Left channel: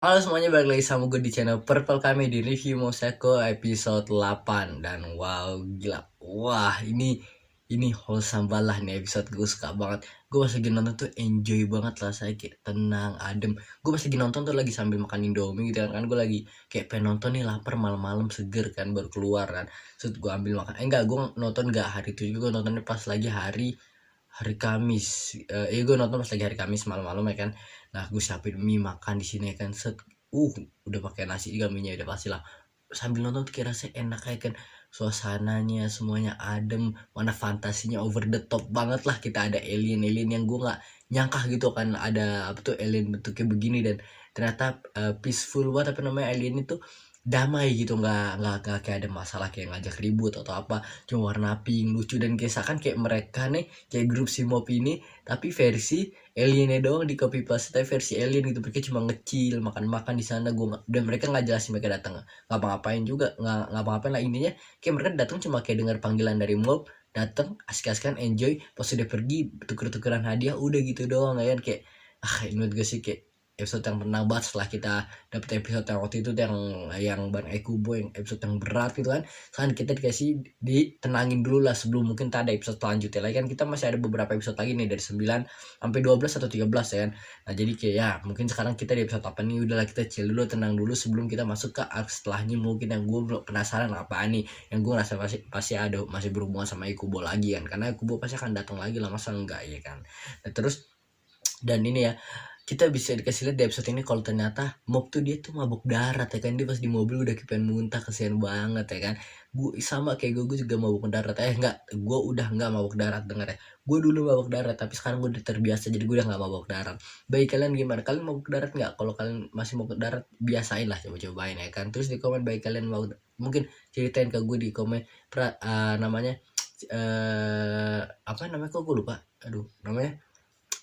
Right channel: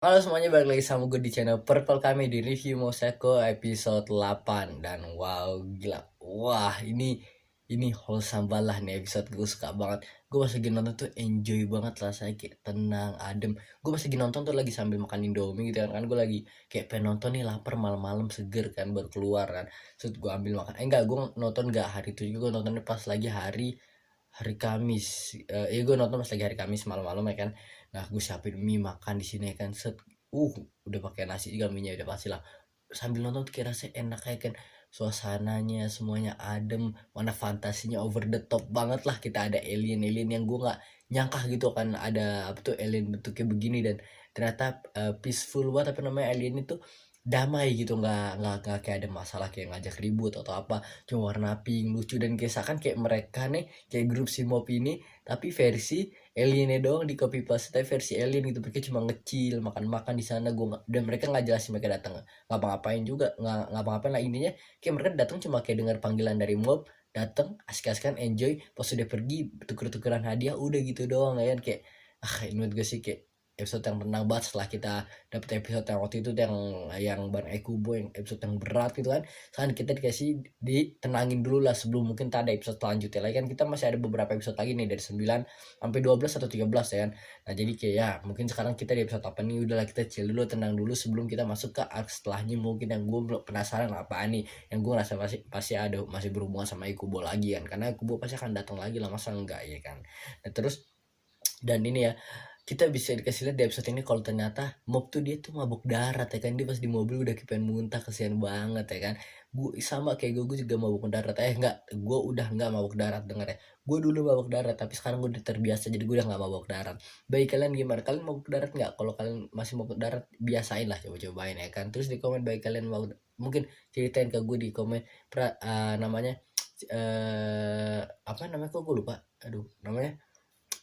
Halo semuanya, balik lagi sama gue di channel Purple kami di review Moseko episode 8. Dan wow, gila. Wah, ini wholesome banget lah nih episode. Gue suka banget. Gue pas lagi nonton tuh enjoy banget lah, saya kayak tenang, adem. Gue pas lagi nonton tuh lagi sambil makan Indomie gitu kan. Gue lagi kayak pengen nonton nih, lapar malam-malam, seger kan, baru keluar kan. Terus gue ambil makan. Enggak, gue nonton enggak hari itu juga, gue nontonnya pas lagi hari hari Kamis. Gue nonton pas lagi hari Kamis malam-malam ya kan. Nah, gue siapin mie makan di sini ya kan. Set, udah pakai nasi juga, mie udah pasti lah. Sambil nonton tuh kayak rasanya enak ya kan. Suasananya semuanya adem, mana fantasinya over the top banget lah. Kita ada alien-alien yang gue nggak nyangka gitu kan, ada apa tuh alien bentuknya begini. Dan ternyata peaceful banget, apa namanya, alien itu damai gitu, nggak kayak ada masalah kayak ngajak ribut atau apa. Cuma warna pink lucu, dan kisahkan kayak mereka nih kayak grup Simop ini, tapi versi aliennya doang di copy paste, tapi versi alien gitu. Mereka cuma ngecil makan-makan di sana. Dan mereka nggak jelasin mereka datang ngapa-ngapain juga, nggak ngapa-ngapain lah. Intinya kayak mereka datang cuma kayak dengar panggilan dari mob, datang asik-asikan enjoy, pas udah pergi tuker-tukeran hadiah, udah gitu doang ya kan. Kayak menurut gue sih kayak episode yang tenang banget. Setelah kita dapet episode yang waktu itu yang Bang Ekubo, yang episode yang berat gitu kan, sekarang kita dikasih ditenangin dulu lah sebelum mungkin tak ada episode selanjutnya lagi kan. Kita masih ada beberapa episode lagi nih, dari 9 sampai 12 atau 13 ya kan. Nah jadi kayak ya mungkin sekarang kita di episode apa nih, udahlah kita chill dulu, tenang dulu sebelum kita masuk ke arc setelahnya. Mungkin yang gue belum penasaran apa nih, yang gue rasa pasti pasti ada masih berhubungan sama Ikubo lagi kan, karena Ikubo pasti akan datang lagi lah, masa enggak ya kan. Nah terus, dan ini ya, kita bisa dikasih lihat di episode ini kalau ternyata mob tuh dia tuh mabuk darat ya kan. Dia pas di mobil udah pengen muntah, kesian banget ya kan. Gue sama kayak gue juga mabuk darat. Enggak, gue udah enggak mabuk darat, denger ya. Gue dulu mabuk darat, tapi sekarang gue udah terbiasa, jadi gue udah enggak mabuk darat. Baik, kalian gimana? Kalian mabuk darat nggak? Kalau kalian masih mabuk darat, biasain lah, coba-cobain ya kan. Terus di komen baik kalian mau, mungkin ceritain ke gue di komen namanya apa namanya, kok gue lupa, aduh namanya,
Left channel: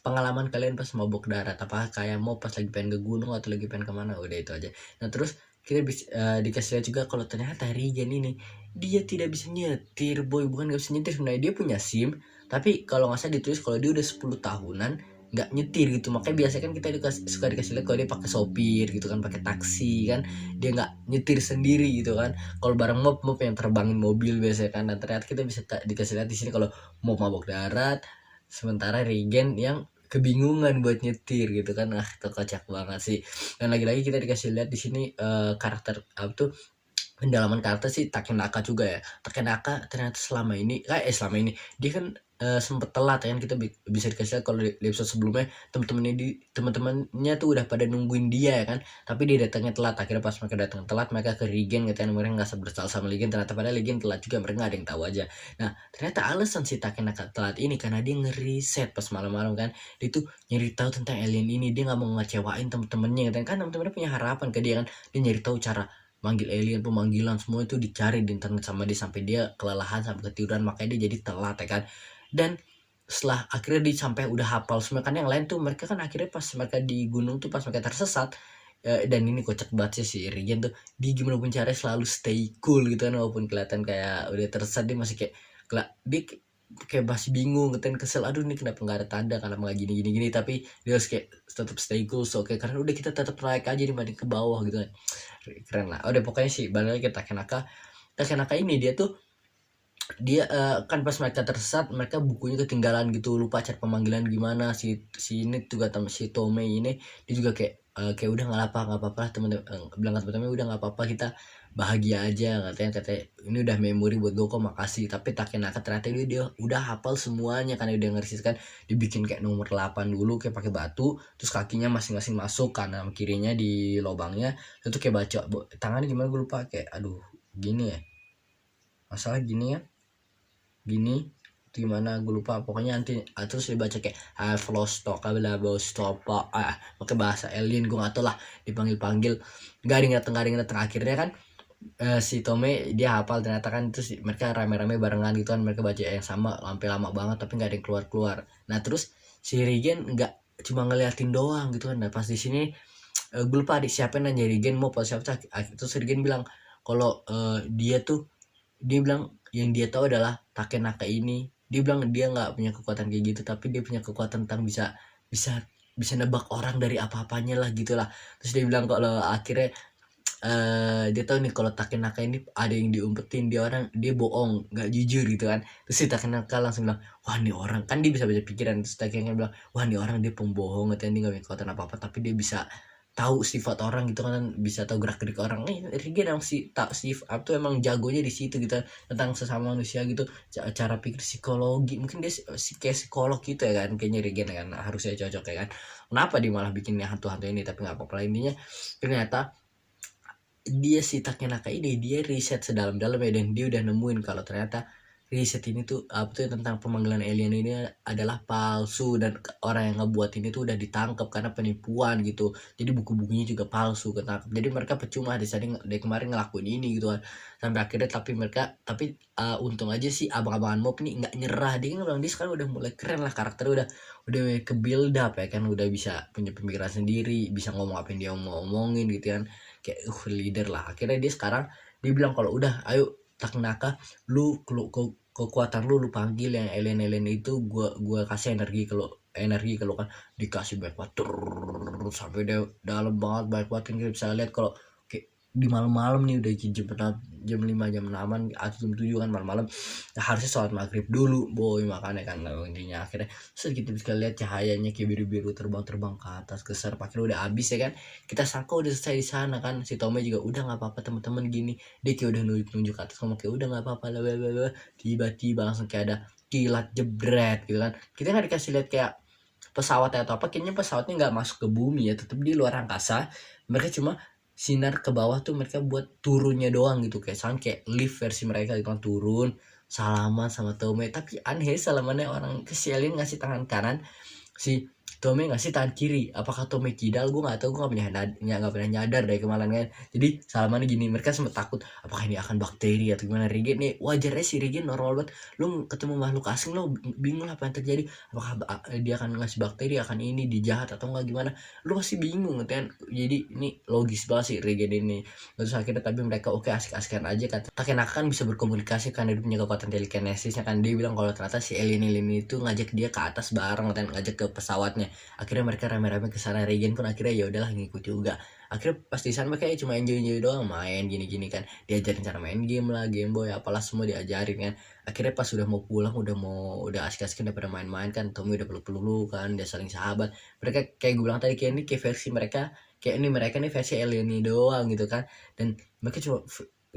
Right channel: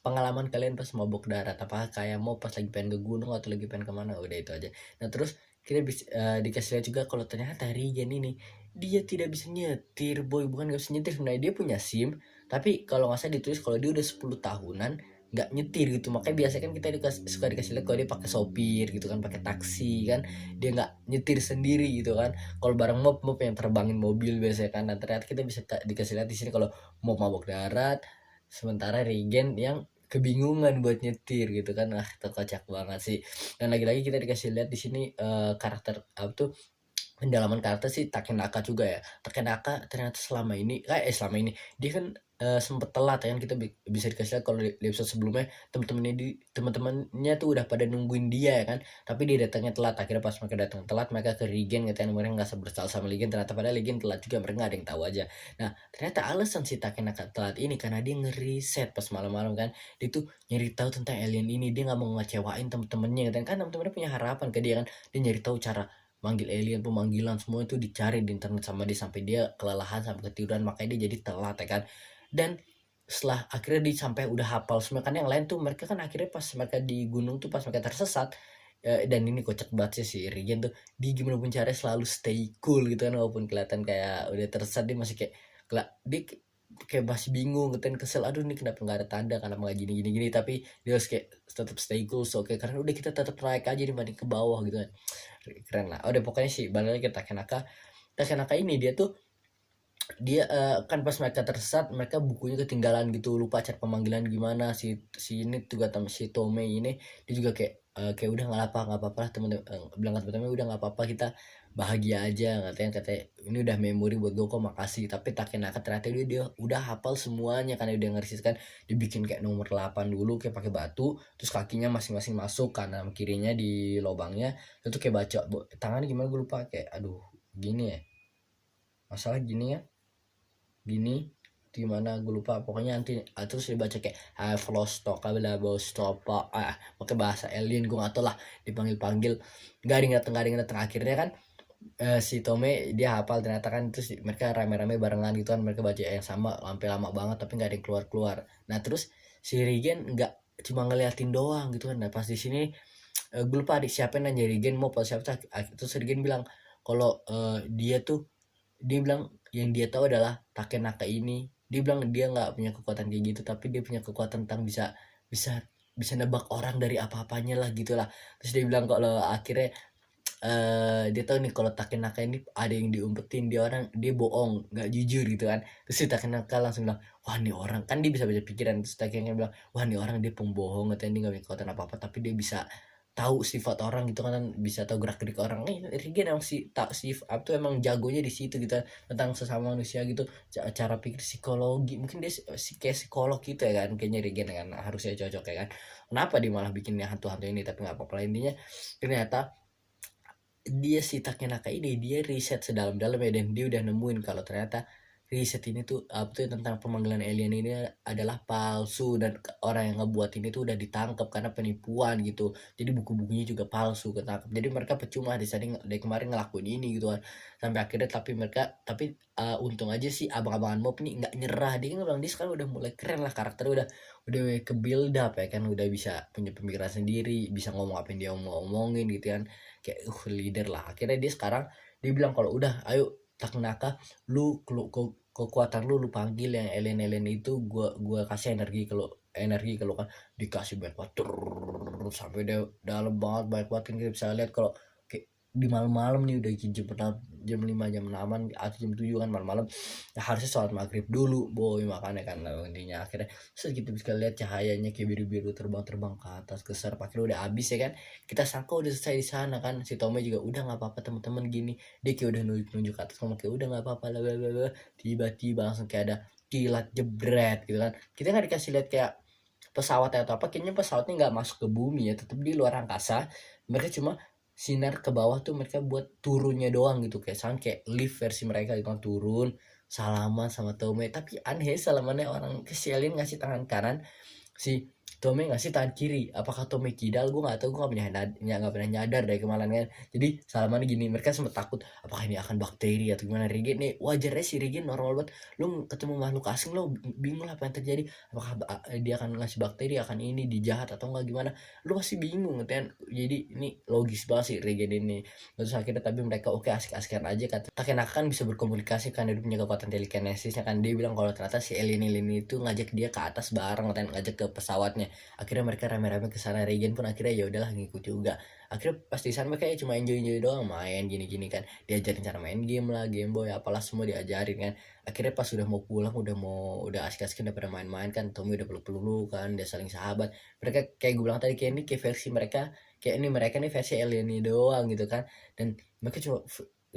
pengalaman kalian pas mabuk darat. Apakah kayak mau pas lagi pengen ke gunung atau lagi pengen kemana, udah itu aja. Nah terus kita bisa dikasih lihat juga kalau ternyata Regen ini dia tidak bisa nyetir, boy. Bukan gak bisa nyetir, sebenarnya dia punya SIM, tapi kalau nggak salah ditulis kalau dia udah 10 tahunan nggak nyetir gitu. Makanya biasanya kan kita suka dikasih lihat kalau dia pakai sopir gitu kan, pakai taksi kan, dia nggak nyetir sendiri gitu kan. Kalau bareng mob yang terbangin mobil biasanya kan. Dan ternyata kita bisa dikasih lihat di sini kalau mob mabuk darat, sementara Regen yang kebingungan buat nyetir gitu kan. Itu kocak banget sih. Dan lagi-lagi kita dikasih lihat di sini karakter apa tuh, pendalaman karakter sih Takenaka juga ya. Takenaka ternyata selama ini dia kan sempet telat ya kan. Kita bisa dikasih lihat kalau di episode sebelumnya teman-temannya tuh udah pada nungguin dia ya kan, tapi dia datangnya telat. Akhirnya pas mereka datang telat, mereka ke Regen gitu kan. Mereka nggak bersalah sama Regen, ternyata pada Regen telat juga, mereka nggak ada yang tahu aja. Nah ternyata alasan si Takenaka telat ini karena dia ngeriset pas malam-malam kan. Dia tuh nyari tahu tentang alien ini, dia nggak mau ngecewain temen-temennya kan. Temen-temennya punya harapan ke dia kan. Dia nyari tahu cara manggil alien, pemanggilan semua itu dicari di internet sama dia, sampai dia kelelahan sampai ketiduran, makanya dia jadi telat ya kan. Dan setelah akhirnya dia sampai udah hafal semua kan, yang lain tuh mereka kan akhirnya pas mereka di gunung tuh, pas mereka tersesat. Dan ini kocak banget sih si Regen tuh, dia gimana pun caranya selalu stay cool gitu kan, walaupun kelihatan kayak udah tersesat. Dia masih kayak dia kayak masih bingung gitu kan, kesel, aduh nih kenapa nggak ada tanda, kenapa nggak gini, tapi dia harus kayak tetap stay cool. So oke, karena udah kita tetap naik aja dibanding ke bawah gitu kan. Keren lah. Udah pokoknya sih balik lagi ke Takenaka ini, dia tuh kan pas mereka tersesat, mereka bukunya ketinggalan gitu, lupa cara pemanggilan gimana. Si ini juga si Tome ini, dia juga kayak udah nggak apa-apa lah temen-temen. Bilang ke temen-temen, udah nggak apa-apa, kita bahagia aja, katanya ini udah memori buat gue kok, makasih. Tapi Takenaka ternyata dia udah hafal semuanya karena dia ngerisis kan. Dibikin kayak nomor 8 dulu, kayak pakai batu, terus kakinya masing-masing masuk kanan kirinya di lubangnya. Itu kayak baca tangannya gimana gue lupa, kayak aduh gini ya, masalah gini ya, gini gimana gue lupa. Pokoknya nanti terus dibaca kayak I've lost talk, pakai bahasa alien, gue gak tau lah. Dipanggil gak ada yang datang. Akhirnya kan si Tome dia hafal ternyata kan. Terus mereka rame-rame barengan gitu kan, mereka baca yang sama sampai lama banget tapi nggak ada yang keluar. Nah terus si Regen nggak cuma ngeliatin doang gitu kan. Nah pas di sini gue lupa adik siapa yang nanya Regen mau pas siapa. Terus Regen bilang kalau dia bilang yang dia tahu adalah Takenaka ini. Dia bilang dia nggak punya kekuatan kayak gitu, tapi dia punya kekuatan tentang bisa bisa bisa nebak orang dari apa-apanya lah gitulah. Terus dia bilang kalau akhirnya dia tahu nih kalau Takenaka ini ada yang diumpetin, dia bohong, nggak jujur gitu kan. Terus si Takenaka langsung bilang, wah nih orang, kan dia bisa baca pikiran. Terus Takenaka bilang, wah nih orang dia pembohong, katanya dia nggak punya kekuatan apa apa, tapi dia bisa tahu sifat orang gitu kan, bisa tahu gerak gerik orang. Rigen emang si tak sifat tuh emang jagonya di situ gitu, tentang sesama manusia gitu, cara pikir psikologi. Mungkin dia kayak psikolog gitu ya kan, kayaknya Rigen kan harusnya cocok ya kan. Kenapa dia malah bikinnya hantu-hantu ini, tapi nggak apa-apa. Intinya ternyata dia si Takenaka ini dia riset sedalam-dalamnya, dan dia udah nemuin kalau ternyata riset ini tuh apa tuh tentang pemanggilan alien ini adalah palsu, dan orang yang ngebuat ini tuh udah ditangkap karena penipuan gitu. Jadi buku-bukunya juga palsu, ketangkep. Jadi mereka percuma dari kemarin ngelakuin ini gitu kan. Sampai akhirnya tapi untung aja sih abang-abangan mob nih nggak nyerah. Dia kan bilang dia sekarang udah mulai keren lah, karakternya udah ke build up ya kan, udah bisa punya pemikiran sendiri, bisa ngomong apa yang dia ngomongin gitu kan, kayak leader lah. Akhirnya dia sekarang dia bilang kalau udah ayo Takenaka, lu kekuatan lu panggil yang alien itu, gua kasih energi kalau kan, dikasih banyak banget sampai dia dalam banget, banyak banget kan. Kita bisa lihat kalau kayak di malam-malam nih udah jam 5 jam 6 atau jam 7 kan malam-malam, nah, harusnya sholat maghrib dulu boy, makanya kan intinya akhirnya sedikit bisa lihat cahayanya kayak biru-biru terbang-terbang ke atas ke serap. Akhirnya udah habis ya kan, kita sangka udah selesai di sana kan. Si Tommy juga udah nggak apa-apa teman-teman gini, dia kayak udah nunjuk ke atas, ngomong kayak udah nggak apa-apa lah. Tiba-tiba langsung kayak ada kilat jebret gitu kan. Kita nggak dikasih lihat kayak pesawatnya atau apa, kayaknya pesawatnya nggak masuk ke bumi ya, tetap di luar angkasa. Mereka cuma sinar ke bawah tuh mereka buat turunnya doang gitu, kayak lift versi mereka gitu kan, turun salaman sama Tommy. Tapi aneh salamannya orang kesialin ngasih tangan kanan, si Tommy ngasih tangan kiri. Apakah Tommy kidal, gue nggak tahu, gue nggak pernah nyadar dari kemarin kan. Jadi salamannya gini, mereka sempat takut apakah ini akan bakteri atau gimana. Regen nih wajarnya si Regen normal banget, lu ketemu makhluk asing lu bingung lah apa yang terjadi, apakah dia akan ngasih bakteri, akan ini dijahat atau enggak gimana, lu pasti bingung kan. Jadi ini logis banget sih Regen ini. Terus akhirnya tapi mereka oke, asik-asikan aja kan. Takenaka kan bisa berkomunikasi kan, dia punya kekuatan telekinesisnya kan. Dia bilang kalau ternyata si alien itu ngajak dia ke atas bareng kan, ngajak ke pesawatnya. Akhirnya mereka rame-rame ke sana. Regen pun akhirnya ya udahlah ngikut juga. Akhirnya pas di sana mereka cuma enjoy doang, main gini-gini kan, diajarin cara main game lah, Game Boy apalah semua diajarin kan. Akhirnya pas udah mau pulang, udah asik-asik, udah pada main-main kan, Tommy udah peluk-peluk kan, dia saling sahabat. Mereka kayak gue bilang tadi, kayak ini kayak versi mereka, kayak ini mereka nih versi alien ini doang gitu kan. Dan mereka cuma,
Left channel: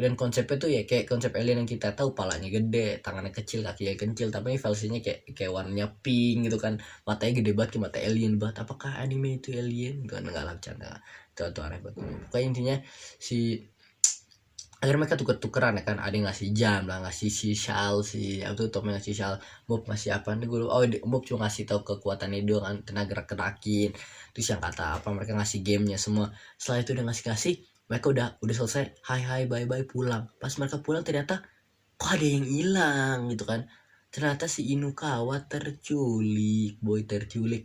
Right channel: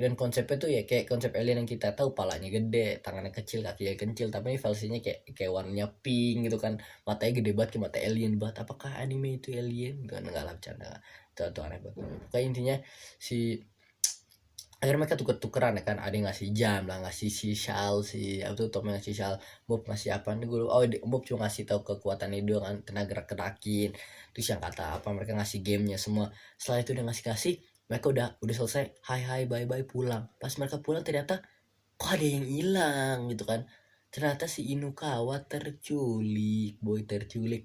dan konsepnya tuh ya kayak konsep alien yang kita tahu, palanya gede, tangannya kecil, kakinya kecil, tapi ini versinya kayak warnanya pink gitu kan, matanya gede banget kayak mata alien banget. Apakah anime itu alien gitu kan, enggak lah, bercanda. Itu aneh banget. Pokoknya intinya si akhirnya mereka tuker-tukeran ya kan, ada yang ngasih jam lah, ngasih si shal, si apa tuh Tom ngasih shal, Bob ngasih apa nih gue, Bob cuma ngasih tahu kekuatannya doang kan, tenaga gerakin. Terus yang kata apa, mereka ngasih gamenya semua. Setelah itu udah ngasih, mereka udah selesai, hai bye pulang. Pas mereka pulang ternyata kok ada yang hilang gitu kan. Ternyata si Inukawa terculik,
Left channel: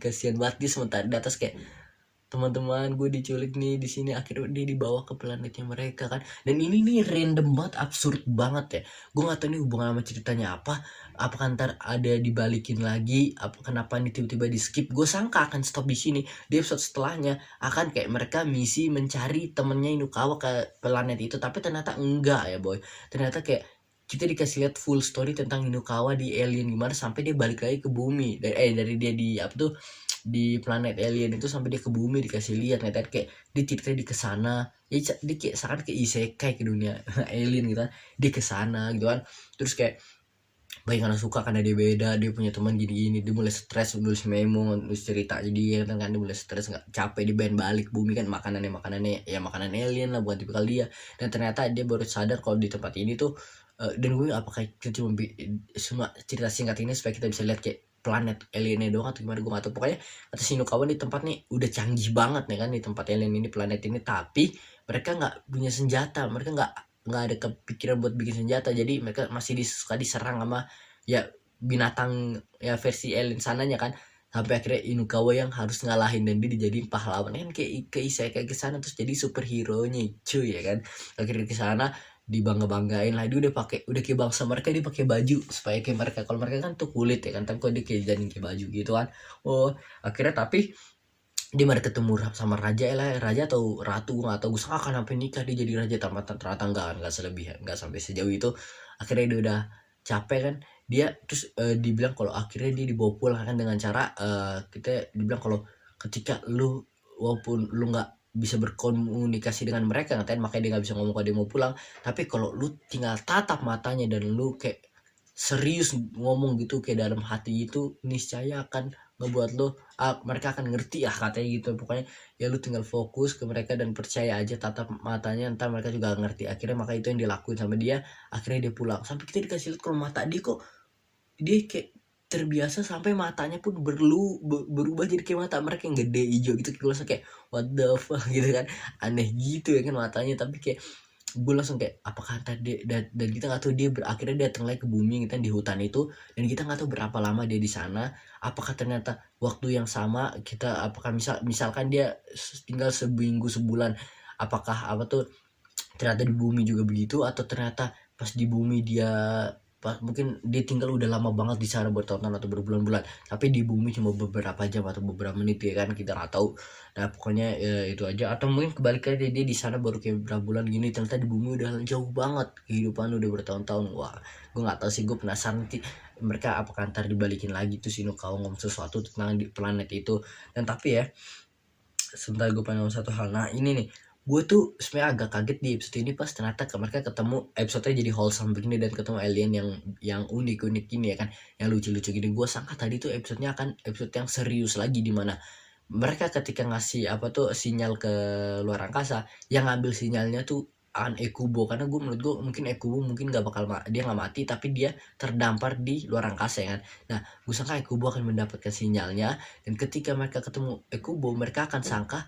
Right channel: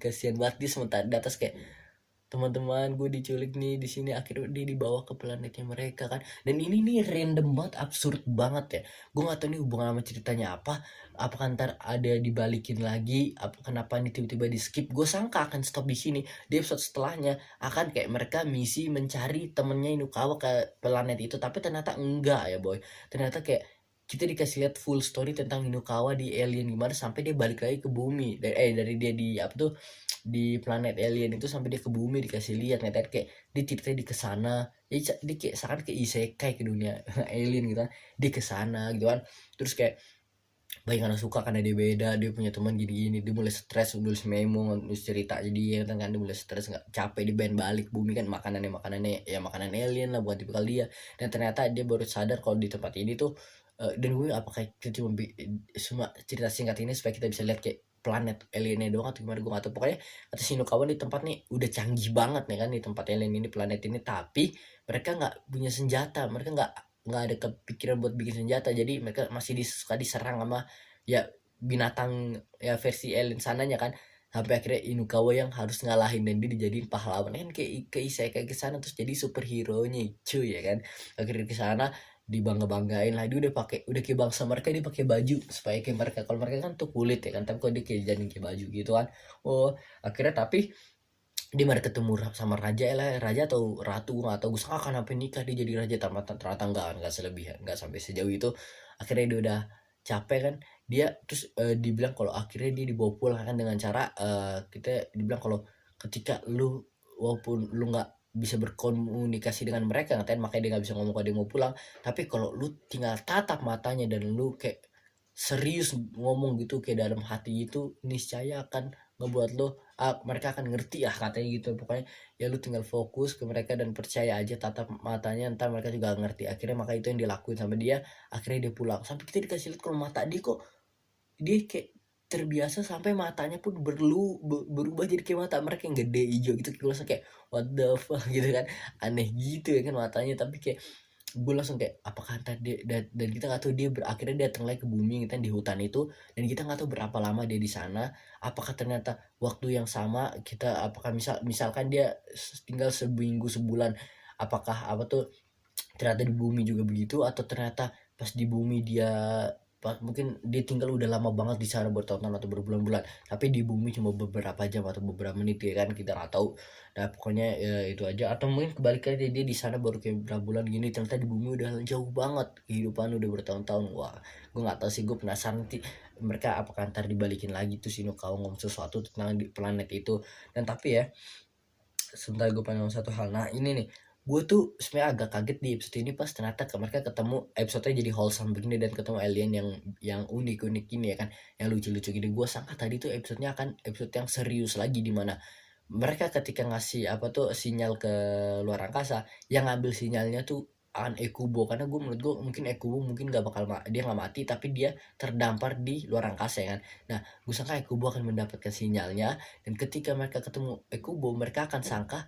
kasihan banget. Dia sementara di atas kayak, teman-teman gue diculik nih di sini. Akhirnya dia dibawa ke planetnya mereka kan. Dan ini nih random banget, absurd banget ya. Gue nggak tahu nih hubungan sama ceritanya apa, apakah ntar ada dibalikin lagi, kenapa nih tiba-tiba di skip. Gue sangka akan stop di sini, di episode setelahnya akan kayak mereka misi mencari temennya Inukawa ke planet itu. Tapi ternyata enggak ya boy, ternyata kayak kita dikasih lihat full story tentang Inukawa di alien, gimana sampai dia balik lagi ke bumi dari dia di apa tuh, di planet alien itu, sampai dia ke bumi dikasih lihat kayak dia ceritanya di kesana ya, dia kayak sangat ke isekai ke dunia alien gitu kan, dia kesana gitu kan. Terus kayak baik karena suka, karena dia beda, dia punya teman gini-gini, dia mulai stres, nulis memo, nulis cerita, jadi kan dia mulai stres, nggak capek, di band balik bumi kan, makanannya ya makanan alien lah buat tipikal dia. Dan ternyata dia baru sadar kalau di tempat ini tuh, dan gue apakah kita cuma semua cerita singkat ini supaya kita bisa lihat kayak planet aliennya doang atau gimana, gue gak tau. Pokoknya kata Shinukawa di tempat nih udah canggih banget nih kan, di tempat alien ini, planet ini, tapi mereka nggak punya senjata, mereka nggak ada kepikiran buat bikin senjata. Jadi mereka masih suka diserang sama ya binatang ya versi alien sananya kan. Sampai akhirnya Inukawa yang harus ngalahin, dan dia dijadiin pahlawan kan, kayak kayak ke sana terus jadi superhero nya cuy ya kan. Akhirnya ke sana dibanggain lah, dia udah kayak bangsa mereka, dia pakai baju supaya kayak mereka. Kalau mereka kan tuh kulit ya kan, tapi kok dia kayak jadi kayak baju gitu kan. Oh akhirnya tapi dia baru ketemu sama raja lah, raja atau ratu nggak tahu, gue sangka akan sampai nikah dia jadi raja, ternyata nggak selebihan, nggak sampai sejauh itu. Akhirnya dia udah capek kan, dia terus dibilang kalau akhirnya dia dibawa pulang kan dengan cara kita dibilang kalau ketika lu walaupun lu nggak bisa berkomunikasi dengan mereka ngatain, makanya dia nggak bisa ngomong kalau dia mau pulang, tapi kalau lu tinggal tatap matanya dan lu kayak serius ngomong gitu kayak dalam hati itu, niscaya akan ngebuat lo mereka akan ngerti katanya gitu. Pokoknya ya lu tinggal fokus ke mereka dan percaya aja, tatap matanya, ntar mereka juga ngerti. Akhirnya maka itu yang dilakuin sama dia, akhirnya dia pulang. Sampai kita dikasih lihat kalau mata dia kok dia kayak terbiasa sampai matanya pun berubah jadi kayak mata mereka yang gede hijau gitu. Gue langsung kayak what the fuck gitu kan, aneh gitu ya kan matanya, tapi kayak gue langsung kayak apakah tadi dan kita nggak tahu dia akhirnya datang lagi ke bumi kita di hutan itu, dan kita nggak tahu berapa lama dia di sana. Apakah ternyata waktu yang sama kita, apakah misalkan dia tinggal seminggu sebulan, apakah apa tuh ternyata di bumi juga begitu, atau ternyata pas di bumi dia mungkin dia tinggal udah lama banget di sana bertahun-tahun atau berbulan-bulan, tapi di bumi cuma beberapa jam atau beberapa menit ya kan, kita nggak tahu. Nah pokoknya ya, itu aja. Atau mungkin kebalikannya dia di sana baru kayak berapa bulan gini, ternyata di bumi udah jauh banget kehidupan udah bertahun-tahun. Wah gue nggak tahu sih, gue penasaran nanti mereka apakah ntar dibalikin lagi tuh si Nukawa ngomong sesuatu tentang di planet itu. Dan tapi ya sebentar gue pengen ngomong satu hal. Nah ini nih, gue tuh sebenarnya agak kaget di episode ini pas ternyata mereka ketemu, episode-nya jadi wholesome begini dan ketemu alien yang unik-unik gini ya kan, yang lucu-lucu gini. Gue sangka tadi tuh episodenya akan episode yang serius lagi, di mana mereka ketika ngasih apa tuh sinyal ke luar angkasa, yang ngambil sinyalnya tuh Ekubo. Karena menurut gue mungkin Ekubo mungkin gak bakal dia nggak mati, tapi dia terdampar di luar angkasa ya kan. Nah gue sangka Ekubo akan mendapatkan sinyalnya, dan ketika mereka ketemu Ekubo mereka akan sangka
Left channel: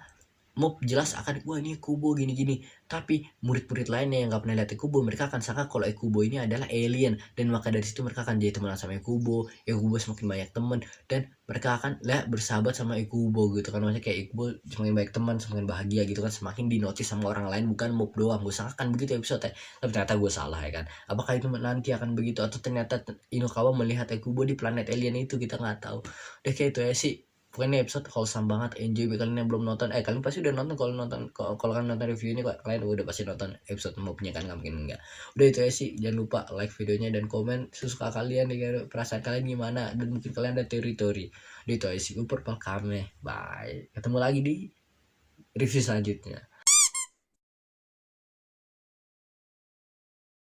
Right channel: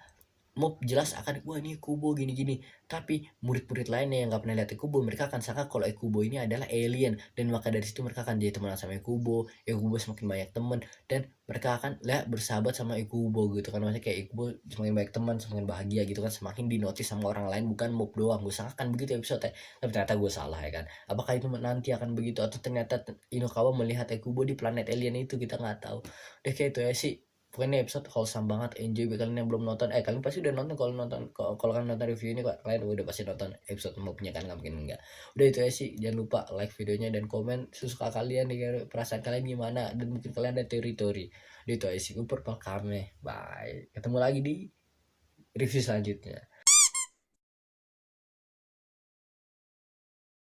mau jelas akan wah ini Kubo gini-gini, tapi murid-murid lainnya yang nggak pernah lihat Kubo mereka akan sangka kalau Kubo ini adalah alien, dan maka dari situ mereka akan jadi teman sama Kubo semakin banyak teman, dan mereka akan bersahabat sama Kubo gitu kan. Maksudnya kayak Kubo semakin banyak teman semakin bahagia gitu kan, semakin dinotis sama orang lain, bukan mob doang. Gue sangka kan begitu episode tapi ternyata gue salah ya kan. Apakah itu nanti akan begitu, atau ternyata Inokawa melihat Kubo di planet alien itu, kita nggak tahu deh. Kayak itu ya sih. Pokoknya episode wholesome banget, enjoy buat kalian yang belum nonton. Kalian pasti udah nonton. Kalau kalian nonton review ini, kalian udah pasti nonton episode mobnya kan, nggak mungkin enggak. Udah itu aja sih, jangan lupa like videonya dan komen sesuka kalian nih, perasaan kalian gimana, dan mungkin kalian ada teori-teori. Udah itu aja sih, Upper Palkame, bye, ketemu lagi di review selanjutnya.